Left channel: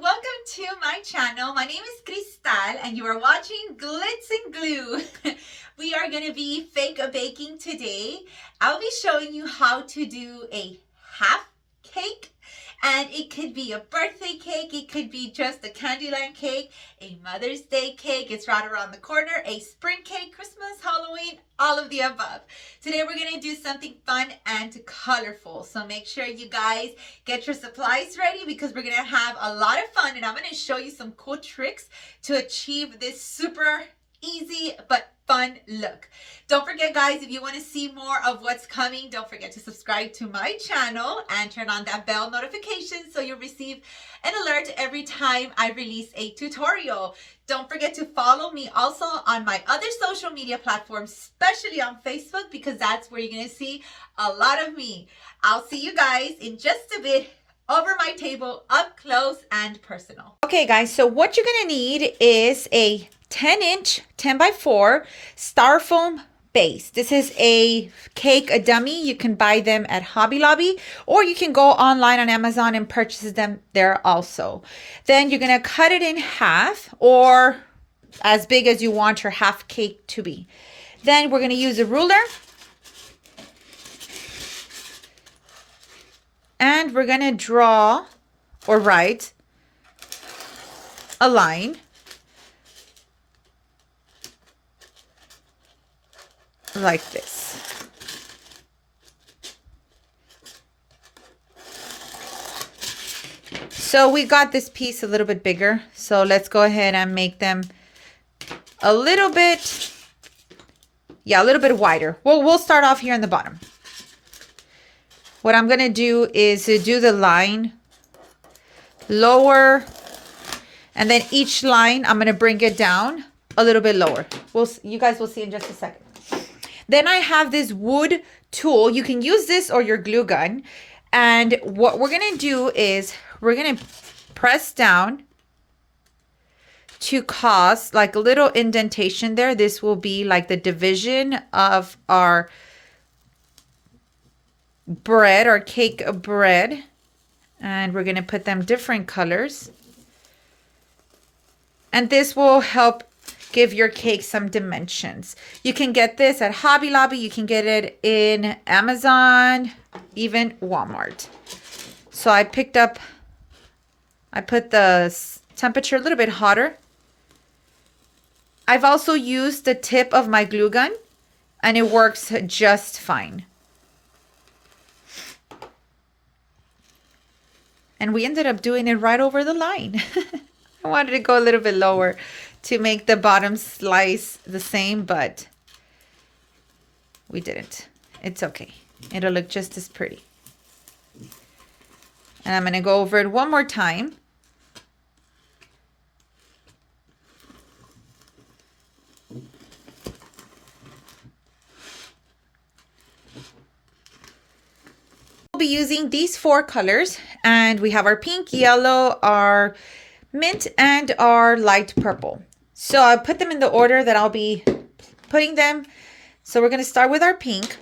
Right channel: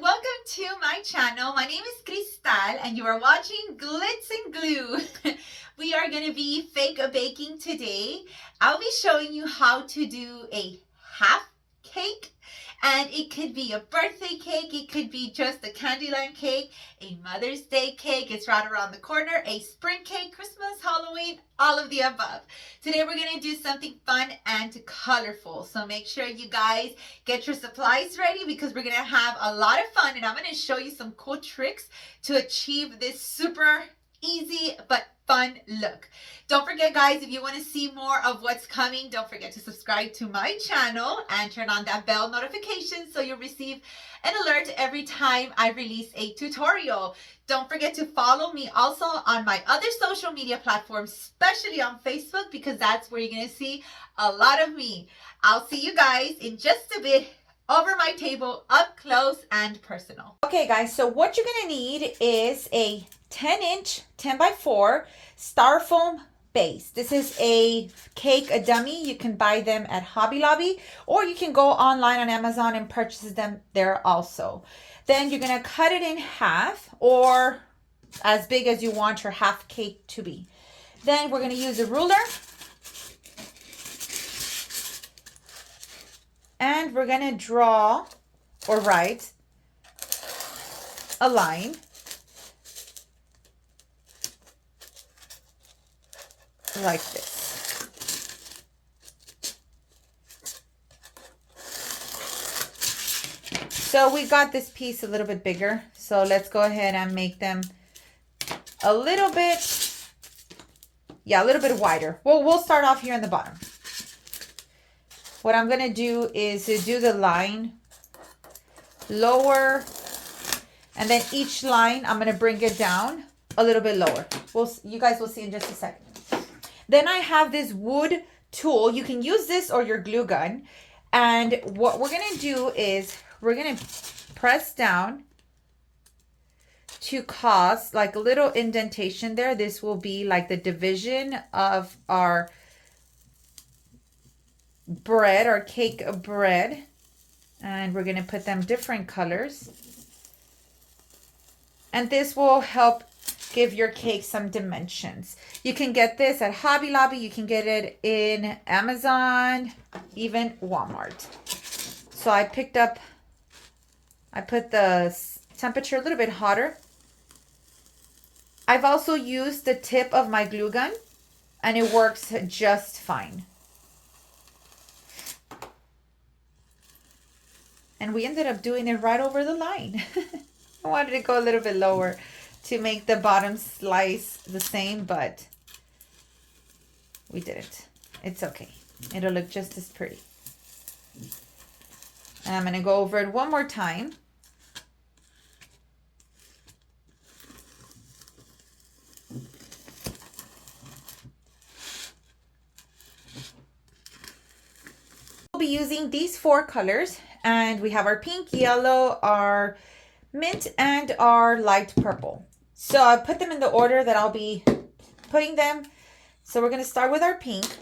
welcome to my channel. My name is Cristal and you are watching Glitz and Glue. We are going to be fake baking today. I'll be showing you how to do a half cake, and it could be a birthday cake, it could be just a Candyland cake, a Mother's Day cake, it's right around the corner, a spring cake, Christmas, Halloween, all of the above. Today we're going to do something fun and colorful, so make sure you guys get your supplies ready because we're going to have a lot of fun, and I'm going to show you some cool tricks to achieve this super easy but fun look. Don't forget, guys, if you want to see more of what's coming, don't forget to subscribe to my channel and turn on that bell notification so you'll receive an alert every time I release a tutorial. Don't forget to follow me also on my other social media platforms, especially on Facebook, because that's where you're going to see a lot of me. I'll see you guys in just a bit over my table, up close and personal. Okay, guys, so what you're going to need is a 10-inch 10x4 styrofoam base. This is a cake, a dummy. You can buy them at Hobby Lobby, or you can go online on Amazon and purchase them there also. Then you're going to cut it in half, or as big as you want your half cake to be. Then we're going to use a ruler, and we're going to draw or write a line like this. So we got this piece a little bit bigger, so let's go ahead and make them a little bit, a little bit wider. Well, we'll start off here in the bottom. What I'm gonna do is do the line lower, and then each line I'm gonna bring it down a little bit lower. You guys will see in just a second. Then I have this wood tool. You can use this or your glue gun. And what we're going to do is we're going to press down to cause like a little indentation there. This will be like the division of our bread or cake bread. And we're going to put them different colors. And this will help give your cake some dimensions. You can get this at Hobby Lobby. You can get it in Amazon, even Walmart. So I put the temperature a little bit hotter. I've also used the tip of my glue gun, and it works just fine. And we ended up doing it right over the line. I wanted to go a little bit lower to make the bottom slice the same, but we didn't. It's okay. It'll look just as pretty. And I'm going to go over it one more time. We'll be using these 4 colors, and we have our pink, yellow, our mint, and our light purple. So I'll put them in the order that I'll be putting them. So we're going to start with our pink.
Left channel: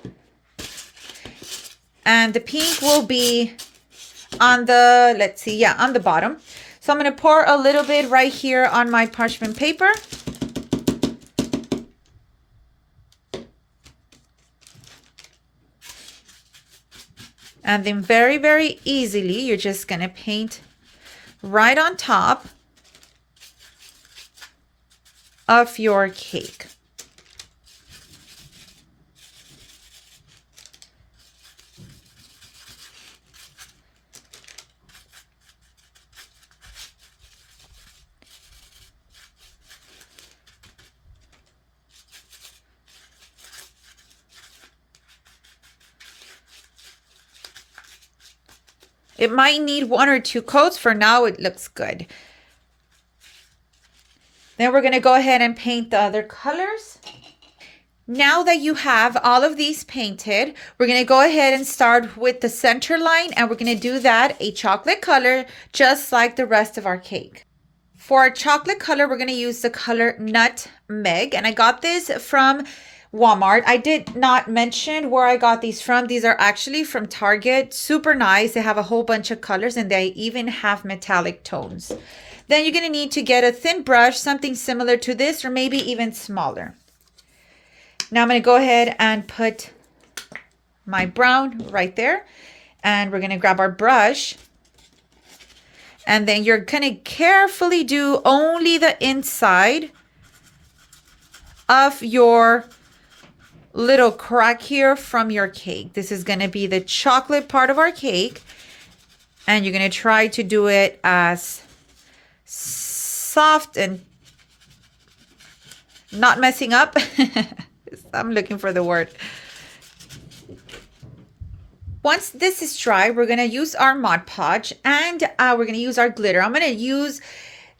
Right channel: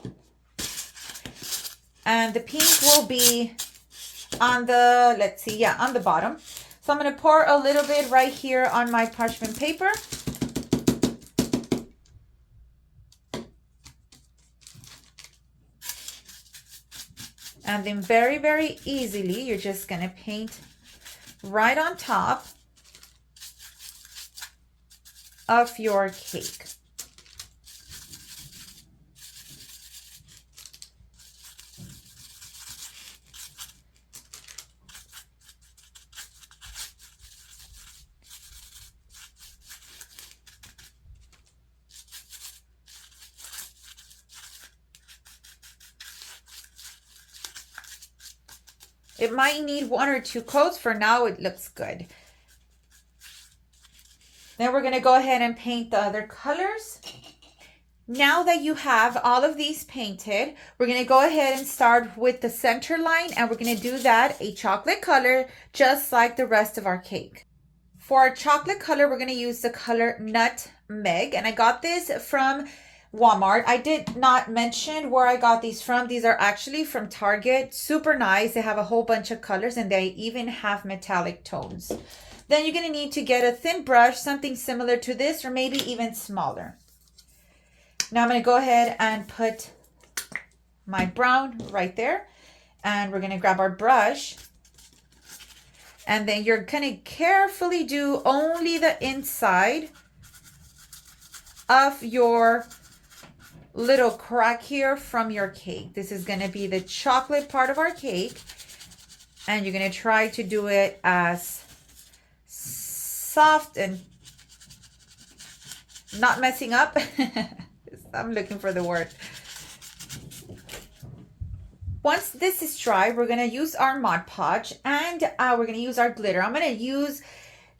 And the pink will be on the, let's see, on the bottom. So I'm going to pour a little bit right here on my parchment paper. And then very, very easily, you're just going to paint right on top of your cake. It might need 1 or 2 coats. For now, it looks good. Then we're going to go ahead and paint the other colors. Now that you have all of these painted, we're going to go ahead and start with the center line, and we're going to do that a chocolate color, just like the rest of our cake. For our chocolate color, we're going to use the color Nutmeg, and I got this from Walmart. I did not mention where I got these from. These are actually from Target. Super nice. They have a whole bunch of colors and they even have metallic tones. Then you're going to need to get a thin brush, something similar to this or maybe even smaller. Now I'm going to go ahead and put my brown right there. And we're going to grab our brush. And then you're going to carefully do only the inside of your little crack here from your cake. This is going to be the chocolate part of our cake. And you're going to try to do it as soft and not messing up. I'm looking for the word. Once this is dry, we're going to use our Mod Podge and we're going to use our glitter. I'm going to use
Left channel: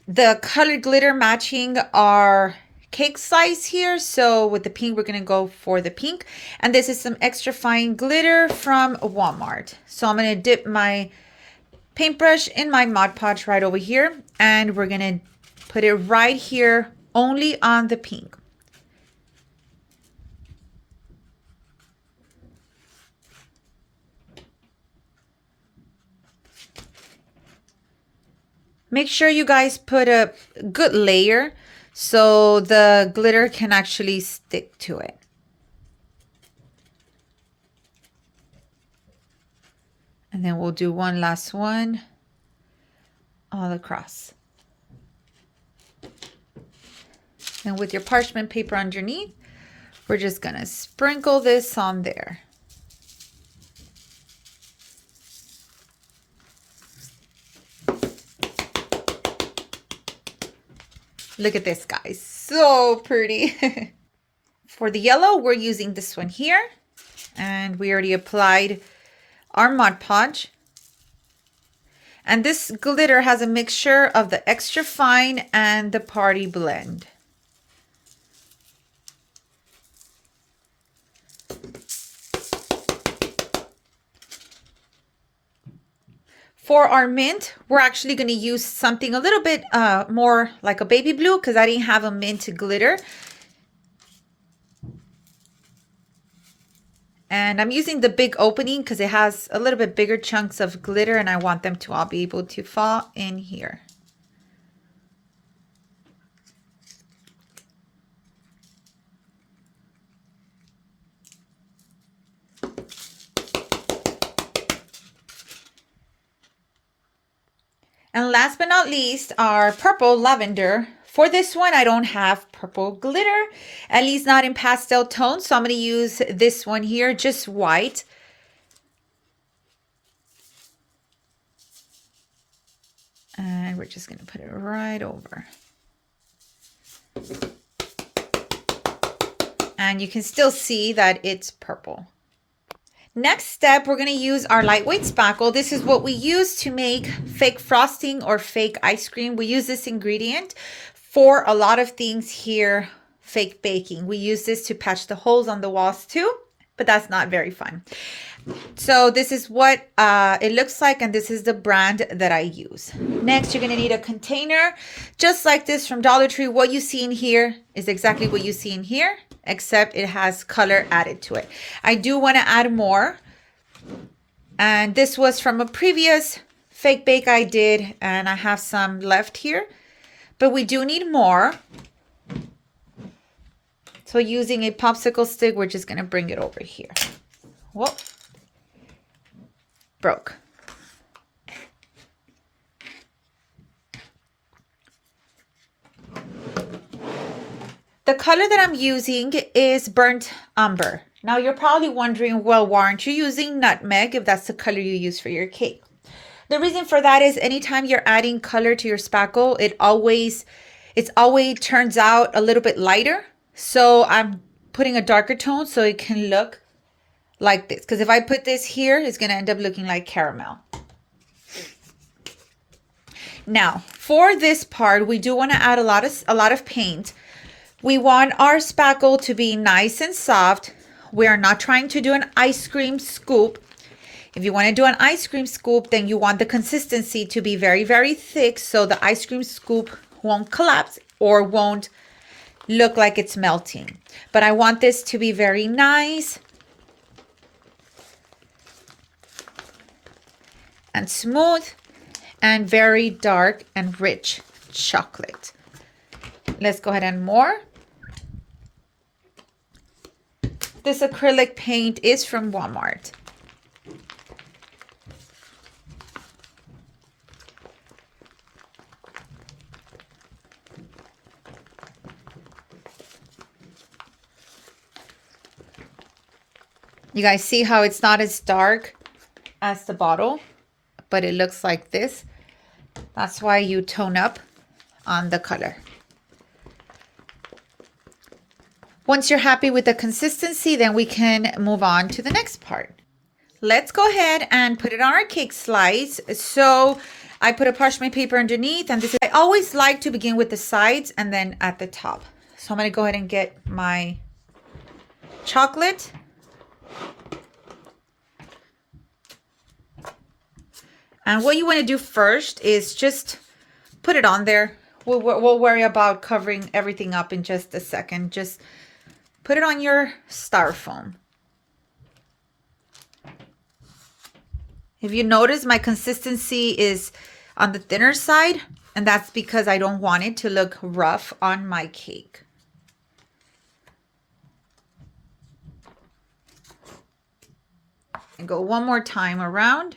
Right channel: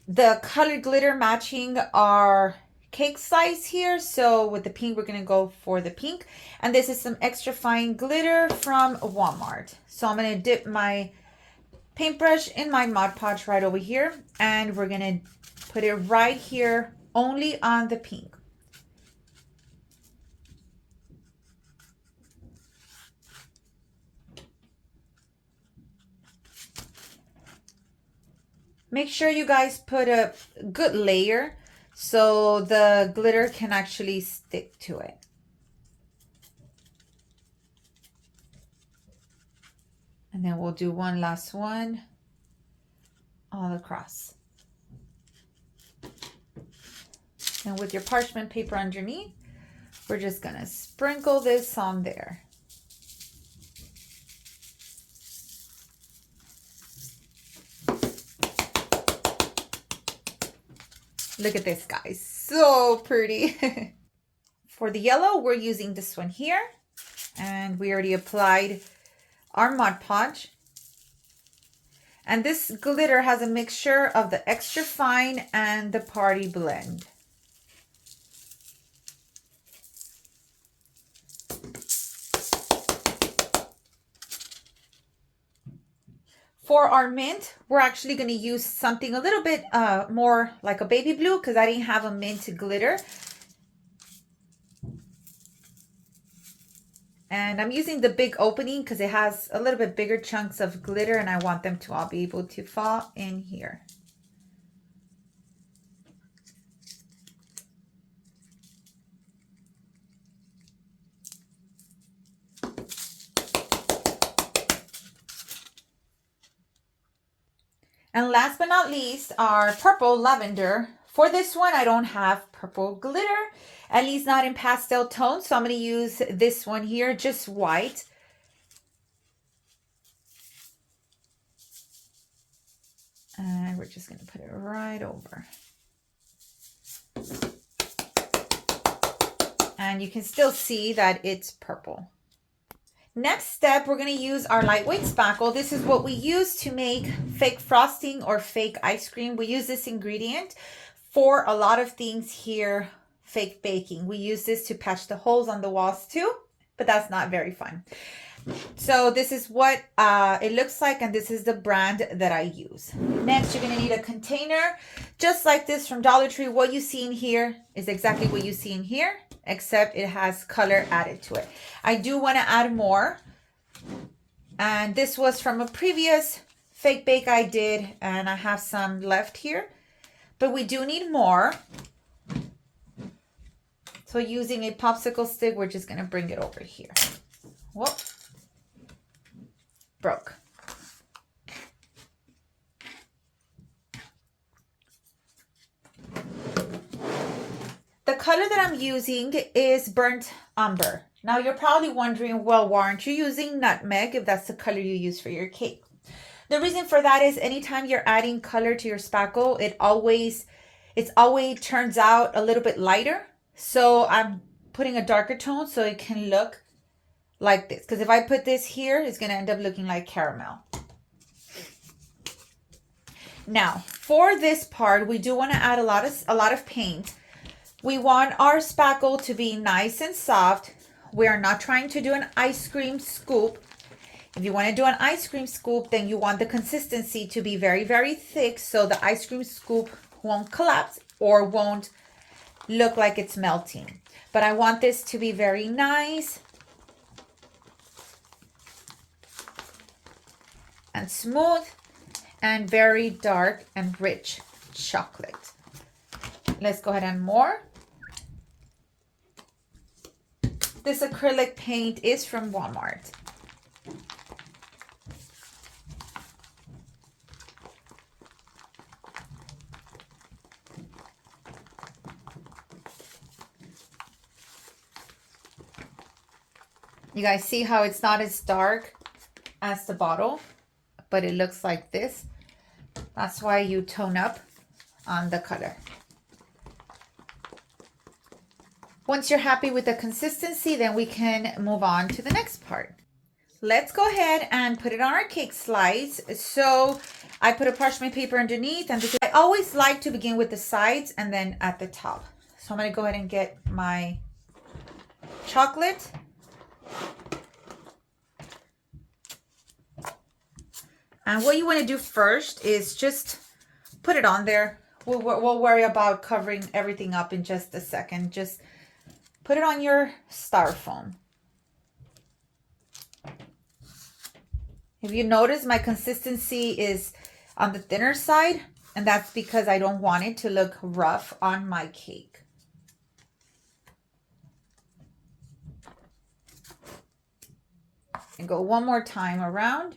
the colored glitter matching our cake slice here. So with the pink, we're going to go for the pink. And this is some extra fine glitter from Walmart. So I'm going to dip my paintbrush in my Mod Podge right over here. And we're going to put it right here only on the pink. Make sure you guys put a good layer so the glitter can actually stick to it. And then we'll do one last one all across. And with your parchment paper underneath, we're just gonna sprinkle this on there. Look at this, guys. So pretty. For the yellow, we're using this one here. And we already applied our Mod Podge. And this glitter has a mixture of the extra fine and the party blend. For our mint, we're actually going to use something a little bit more like a baby blue because I didn't have a mint glitter. And I'm using the big opening because it has a little bit bigger chunks of glitter and I want them to all be able to fall in here. And last but not least, our purple lavender. For this one, I don't have purple glitter, at least not in pastel tones. So I'm going to use this one here, just white. And we're just going to put it right over. And you can still see that it's purple. Next step, we're going to use our lightweight spackle. This is what we use to make fake frosting or fake ice cream. We use this ingredient for a lot of things here, fake baking. We use this to patch the holes on the walls too, but that's not very fun. So this is what it looks like, and this is the brand that I use. Next, you're going to need a container just like this from Dollar Tree. What you see in here is exactly what you see in here, except it has color added to it. I do want to add more. And this was from a previous fake bake I did, and I have some left here. But we do need more. So using a popsicle stick, we're just going to bring it over here. Whoop. Broke. The color that I'm using is burnt umber. Now you're probably wondering, well, why aren't you using nutmeg if that's the color you use for your cake? The reason for that is anytime you're adding color to your spackle, it always turns out a little bit lighter. So I'm putting a darker tone so it can look like this. Because if I put this here, it's going to end up looking like caramel. Now, for this part, we do want to add a lot of paint. We want our spackle to be nice and soft. We are not trying to do an ice cream scoop. If you want to do an ice cream scoop, then you want the consistency to be very, very thick so the ice cream scoop won't collapse or won't look like it's melting. But I want this to be very nice and smooth and very dark and rich chocolate. Let's go ahead and more. This acrylic paint is from Walmart. You guys see how it's not as dark as the bottle, but it looks like this. That's why you tone up on the color. Once you're happy with the consistency, then we can move on to the next part. Let's go ahead and put it on our cake slice. So I put a parchment paper underneath, and this is, I always like to begin with the sides and then at the top. So I'm gonna go ahead and get my chocolate. And what you want to do first is just put it on there. We'll worry about covering everything up in just a second. Just put it on your styrofoam. If you notice, my consistency is on the thinner side, and that's because I don't want it to look rough on my cake. And go one more time around.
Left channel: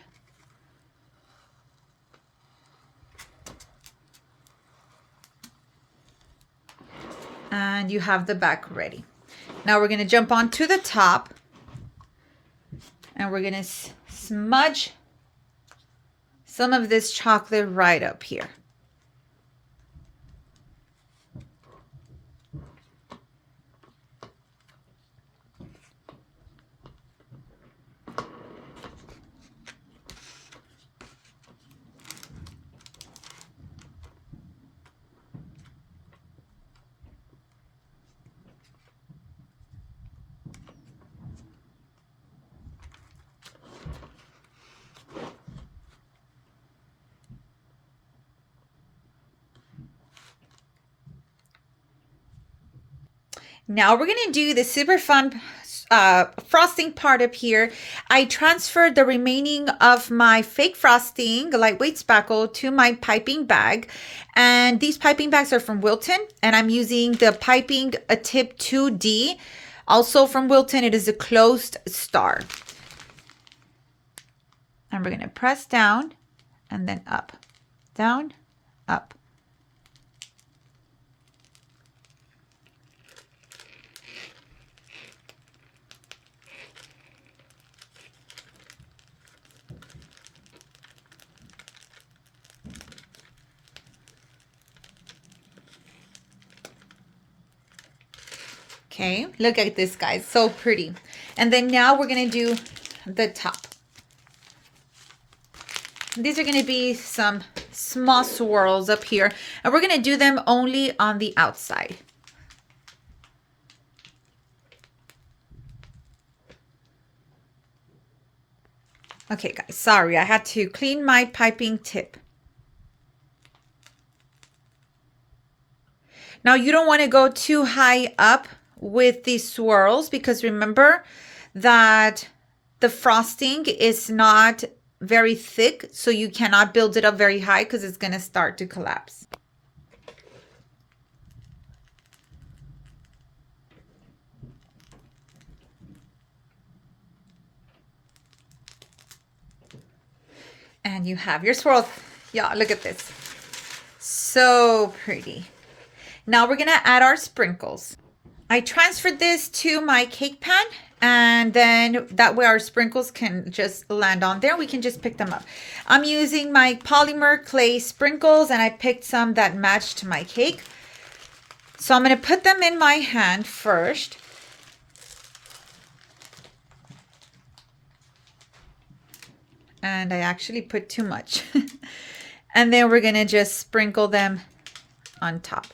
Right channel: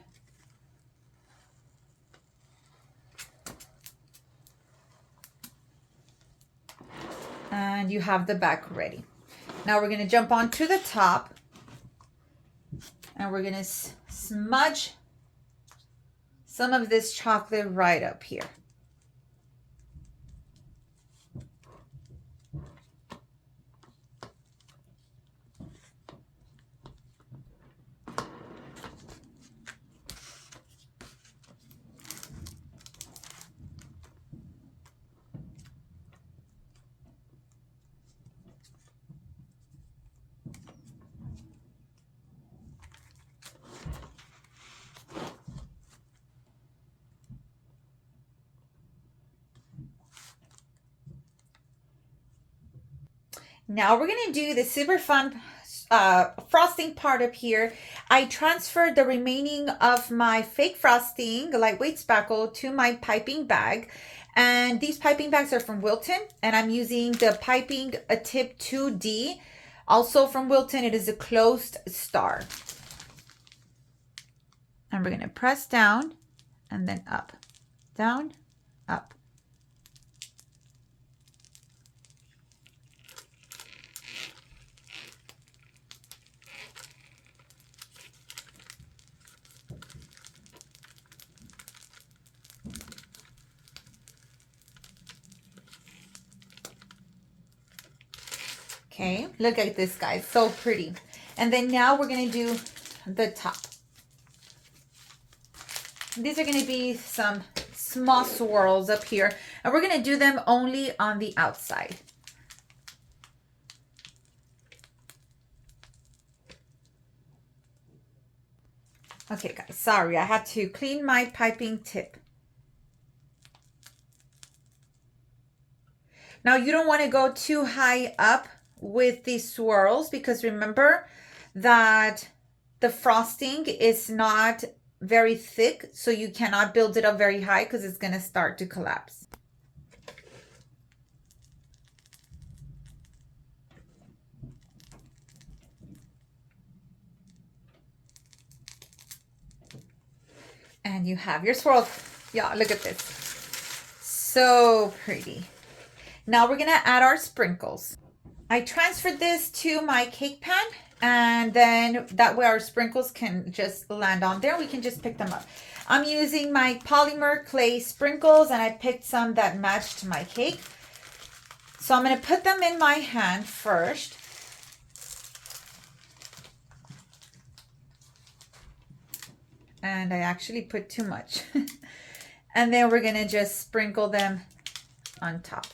And you have the back ready. Now we're going to jump on to the top, and we're going to smudge some of this chocolate right up here. Now we're going to do the super fun frosting part up here. I transferred the remaining of my fake frosting, lightweight spackle, to my piping bag. And these piping bags are from Wilton, and I'm using the piping a tip 2D. Also from Wilton, it is a closed star. And we're going to press down and then up, down, up. Okay, look at this, guys, so pretty. And then now we're gonna do the top. These are gonna be some small swirls up here, and we're gonna do them only on the outside. Okay, guys, sorry, I had to clean my piping tip. Now you don't want to go too high up with these swirls, because remember that the frosting is not very thick, so you cannot build it up very high because it's going to start to collapse. And you have your swirl. Yeah, look at this. So pretty. Now we're going to add our sprinkles. I transferred this to my cake pan, and then that way our sprinkles can just land on there. We can just pick them up. I'm using my polymer clay sprinkles, and I picked some that matched my cake. So I'm going to put them in my hand first. And I actually put too much. And then we're going to just sprinkle them on top.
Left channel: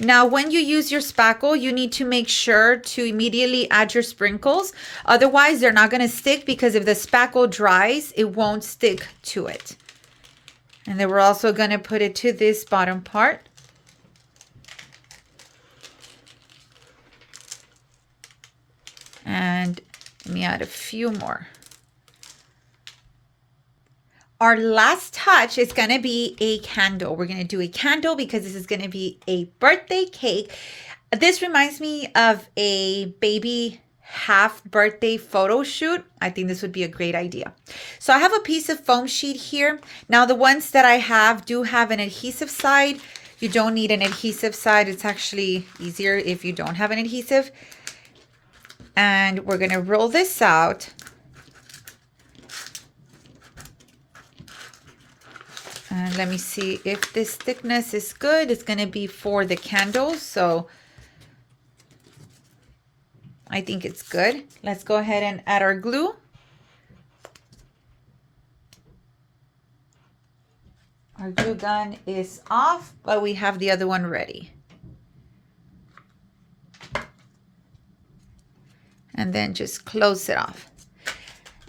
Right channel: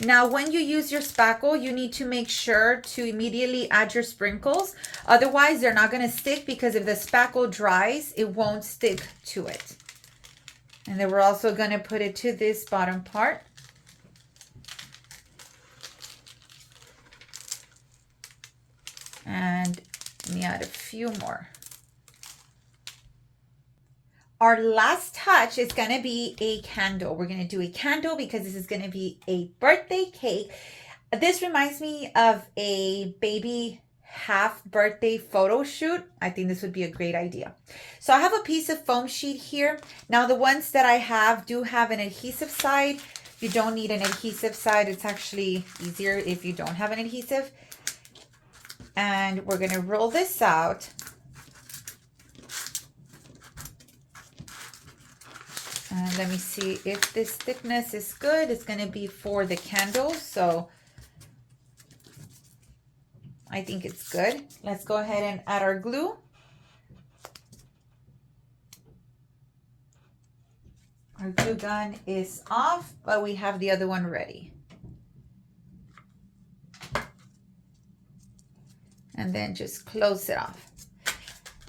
Now, when you use your spackle, you need to make sure to immediately add your sprinkles. Otherwise, they're not going to stick, because if the spackle dries, it won't stick to it. And then we're also going to put it to this bottom part. And let me add a few more. Our last touch is going to be a candle. We're going to do a candle because this is going to be a birthday cake. This reminds me of a baby half birthday photo shoot. I think this would be a great idea. So I have a piece of foam sheet here. Now the ones that I have do have an adhesive side. You don't need an adhesive side. It's actually easier if you don't have an adhesive. And we're going to roll this out. And let me see if this thickness is good. It's going to be for the candles. So I think it's good. Let's go ahead and add our glue. Our glue gun is off, but we have the other one ready. And then just close it off.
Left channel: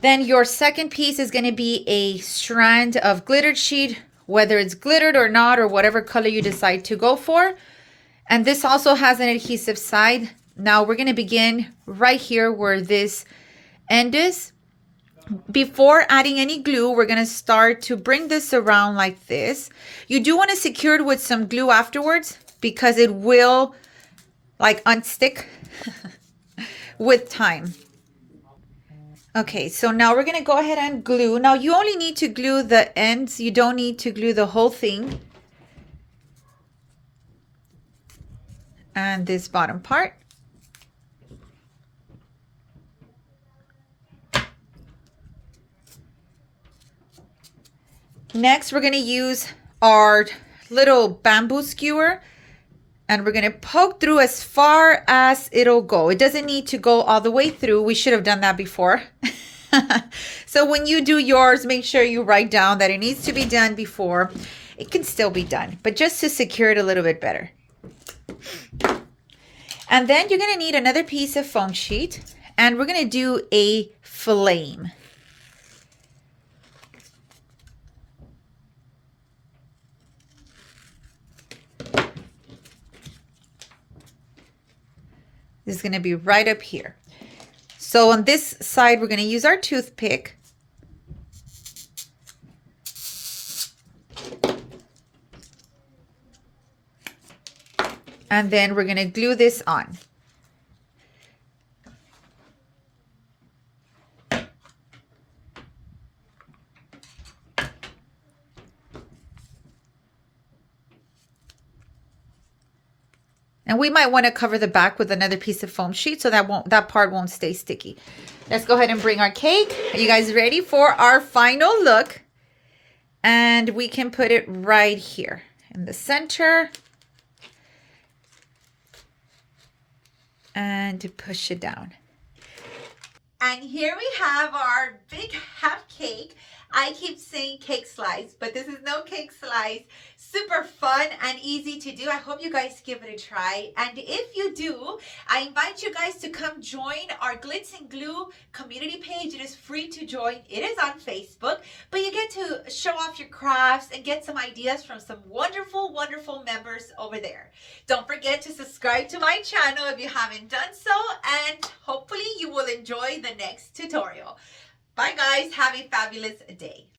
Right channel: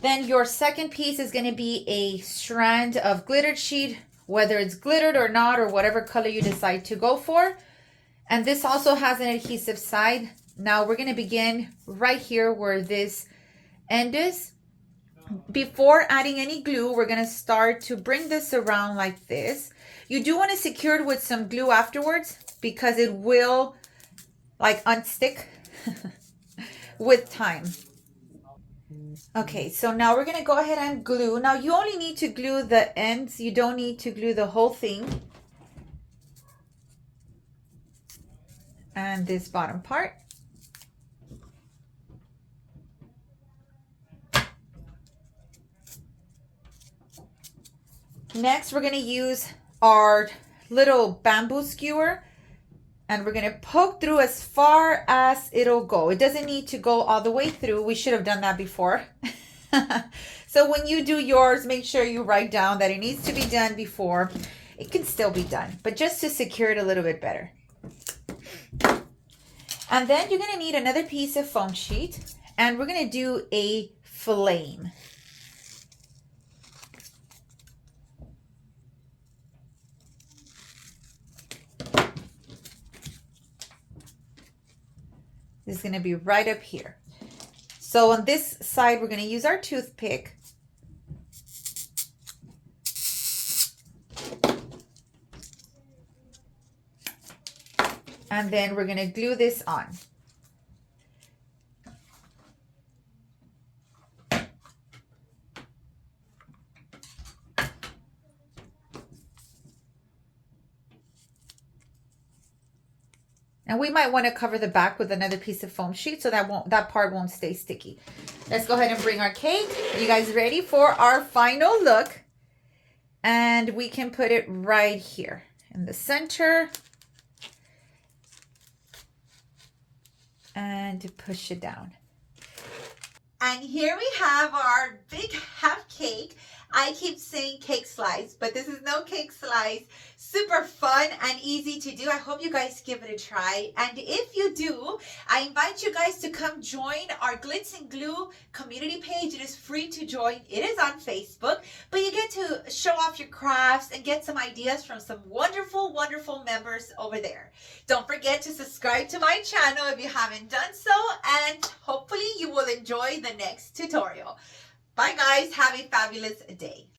Then your second piece is going to be a strand of glittered sheet, whether it's glittered or not, or whatever color you decide to go for. And this also has an adhesive side. Now we're going to begin right here where this end is. Before adding any glue, we're going to start to bring this around like this. You do want to secure it with some glue afterwards because it will like unstick with time. Okay, so now we're going to go ahead and glue. Now you only need to glue the ends. You don't need to glue the whole thing. And this bottom part. Next, we're going to use our little bamboo skewer. And we're going to poke through as far as it'll go. It doesn't need to go all the way through. We should have done that before. So when you do yours, make sure you write down that it needs to be done before. It can still be done, but just to secure it a little bit better. And then you're going to need another piece of foam sheet. And we're going to do a flame. This is going to be right up here. So on this side, we're going to use our toothpick. And then we're going to glue this on. And we might want to cover the back with another piece of foam sheet so that part won't stay sticky. Let's go ahead and bring our cake. Are you guys ready for our final look? And we can put it right here in the center. And push it down. And here we have our big half cake. I keep saying cake slice, but this is no cake slice. Super fun and easy to do. I hope you guys give it a try. And if you do, I invite you guys to come join our Glitz and Glue community page. It is free to join. It is on Facebook, but you get to show off your crafts and get some ideas from some wonderful, wonderful members over there. Don't forget to subscribe to my channel if you haven't done so, and hopefully you will enjoy the next tutorial. Bye guys, have a fabulous day.